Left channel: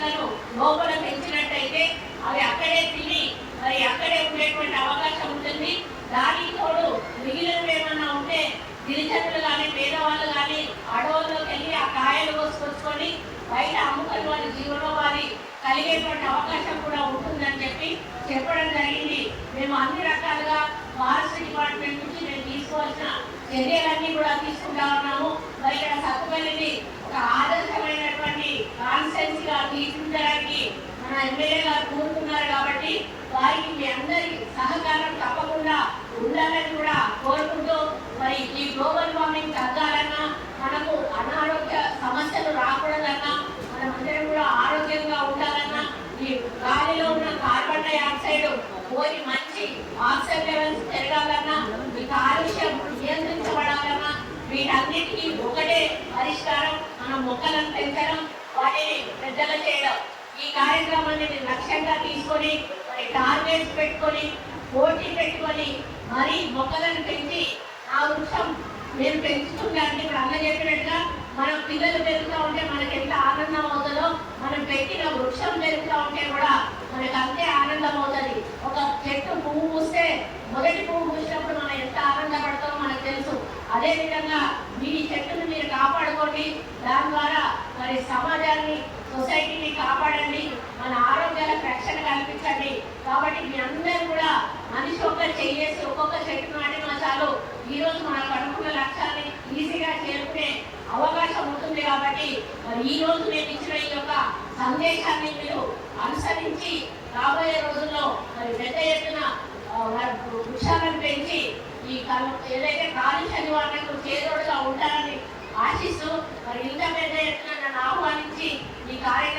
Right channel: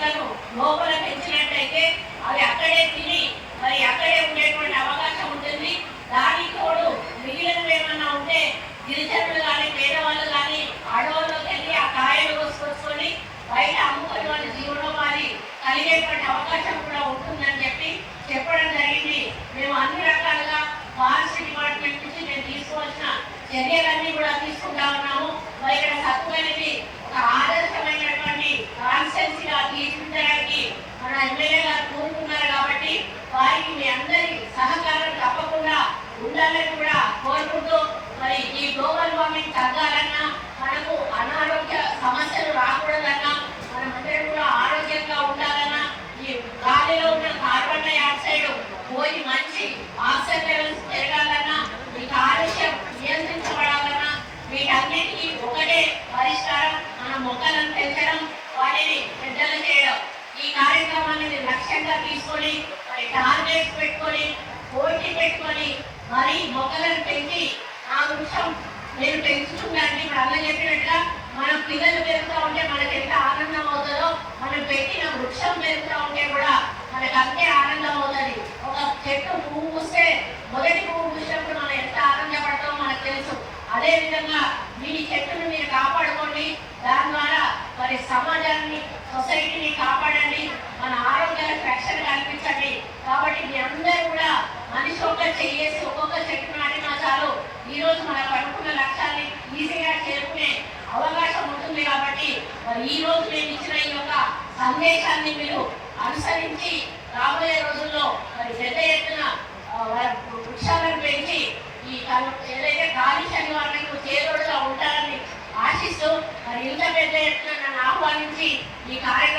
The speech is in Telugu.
చెట్లను లోపల పెంచినట్టయితే అవి అక్కడే తిని మరి అక్కడే ఉండేటువంటి అవకాశం ఉంటుంది. దానికి తోడు మిగిలినవి ఏమన్నా ఉంటే గిరిజనులు కానీ పేదవాళ్ళు కానీ అడవుల్లోకి వెళ్ళి ఆ కాయలు కోసుకొచ్చుకొని బయట అమ్ముకొని వాళ్ళ జీవనోపాధి కలిగేటువంటి అవకాశం కూడా ఉంటుందని చెప్పడం జరిగింది. మేము అన్ని రకాలుగా ఫారెస్ట్ డిపార్ట్మెంట్ నుంచి మేము తీసుకోవాల్సిన చర్యలన్నీ కూడా తీసుకుంటా ఉన్నాము. మరి ఇక్కడ సత్తుపల్లిని ఒక ఆదర్శమైనటువంటి కాన్స్టెన్సీగా తీర్చిదిద్దడానికి మన ఎమ్మెల్యే గారు కోరుతున్నారు కాబట్టి వారికి మీ అందరి సహకారం తప్పకుండా ఉండాలని కూడా కోరుకుంటూ మరి ఈ గ్లోబల్ వార్మింగ్ తగ్గాలన్నా మనకు అనారోగ్య సమస్యలు రాకూడదన్నా మనమందరం కూడా ఆరోగ్యంగా ఉండాలన్నా ఈ గాలిలో ఉన్న కార్బన్ డైఆక్సైడ్ పోయి మంచి ఆక్సిజన్ లెవెల్స్ పెరగాలన్నా ఈ కాలుష్యం నియంత్రించబడాలన్నా వీటన్నిటికీ ఒకటే పరిష్కారం మన మొక్కలను పెంచడం, వాటిని పెద్దలు చేయడం. ఈ కార్యక్రమాన్ని లక్ష్యంగా తీసుకొని మరి టార్గెట్స్ పెట్టుకొని పోటీ పెట్టుకొని మరి మొక్కలను పెంచి ఆ వృక్షం మీరు పెంచుతుందంటే ఇప్పుడు అన్న చెప్పినట్టుగా మనం పిల్లలు పెరుగుతూ ఉంటే మనకి ఎంత ఆనందం అవుతుందో మనం పెట్టిన వృక్షం పెరుగుతూ ఉంటే కూడా మనకు అంతే ఆనందం అవుతుంది. ఒక చెట్టు పువ్వు పూస్తే మొదటి పువ్వు పూసినప్పుడు మనం ఎంత ఆనందపడతామో మనకు తెలుసు. అదేవిధంగా మీ చెట్టును మీరు కాపాడుకోండి, దాని ద్వారా మరి సమాజాన్ని సొసైటీని కాపాడండి, మన ఆరోగ్యాలకు రక్షణ కల్పించండి. కాబట్టి మీ అందరూ కూడా మనిషి ఒక్కరు చేసి ఒక్కొక్క చెట్టు నాటినా చాలు ఈ రోజు మనకు అనుకున్న లక్ష్యాన్ని ఈజీగా చేరుకునే అవకాశం ఉంటుంది. కాబట్టి మరి ఈ రోజు నేను ఇచ్చిన ఈ యొక్క సందేశాన్ని మీరు అనుసరించి రాబోయే రోజుల్లో మరి పెద్ద ఎత్తున వృక్షాలను పెంచి ఈ ఏదైతే కాలుష్య నివారణకు చేదోడుగా ఉంటారని ఆశిస్తూ మరి ఇంత పెద్ద ఎత్తున నన్ను ఆహ్వానించి ఈ కార్యక్రమం